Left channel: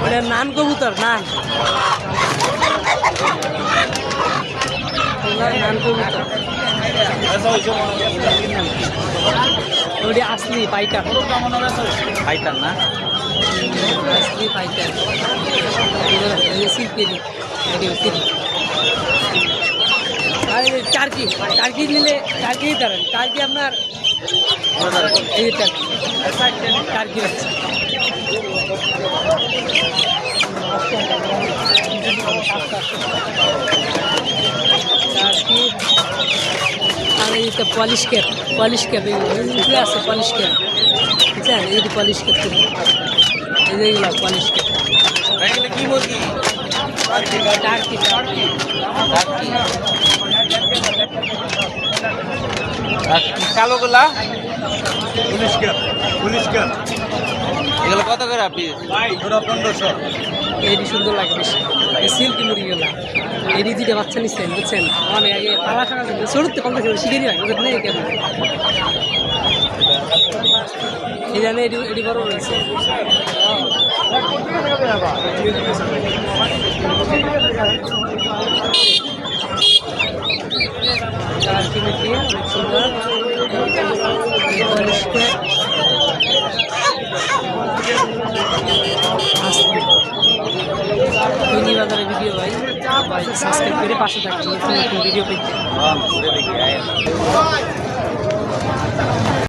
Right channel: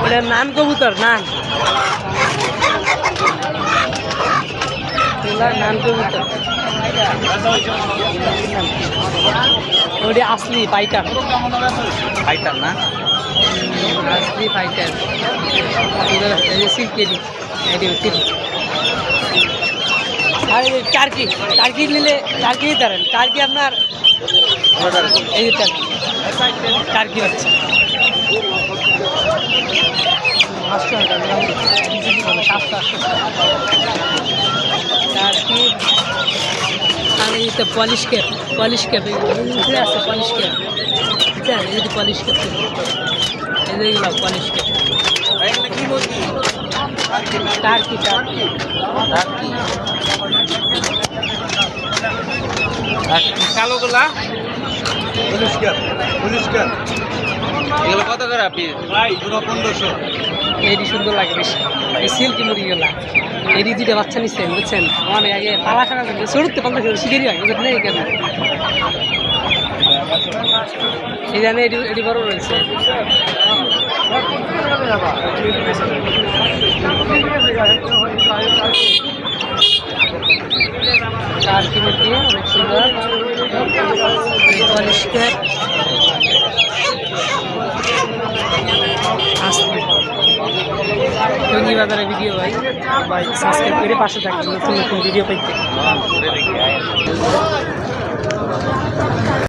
ওটা নান কবুতর নান নান কবুতর ওটি আসলি ফাইটার ফাইটার না আসলি ফাইটার সিল্কেরি আর টার্কি টার্কি নিলে টার্কি নিতে পারেন টার্কি আপনার এই যে টার্কি টার্কি হচ্ছে 800 আর এই তো পলিশ ক্যাপ আছে পলিশ ক্যাপ বুঝছেন এই যে পলিশ ক্যাপ এইগুলো পলিশ ক্যাপ কি মুরগি টার্কি টার্কি টার্কি আর কালোগুলা পুলিশ ক্যাপ এগুলো কত করে পিস ভাই পুরো 1500 এটি সুন্দর লাগে বেশি এই সিল্কি মুরগিগুলা এটি দুইটা বাচ্চা নিচ্ছেন বুঝছেন অনেক আগে পালা থাকা কিন্তু চড়তে পাল্টা শিখেরই হয় বুঝলেন নেই কেন এই জানে এটি বড় রয়েছে টার্কি মুরগি অনেক সুন্দর পরিষ্কার টঙ্গী বাজারের ভিডিও ভাই সাবস্ক্রাইব করে পাশে থাকবেন নতুন নতুন ভিডিও পেতে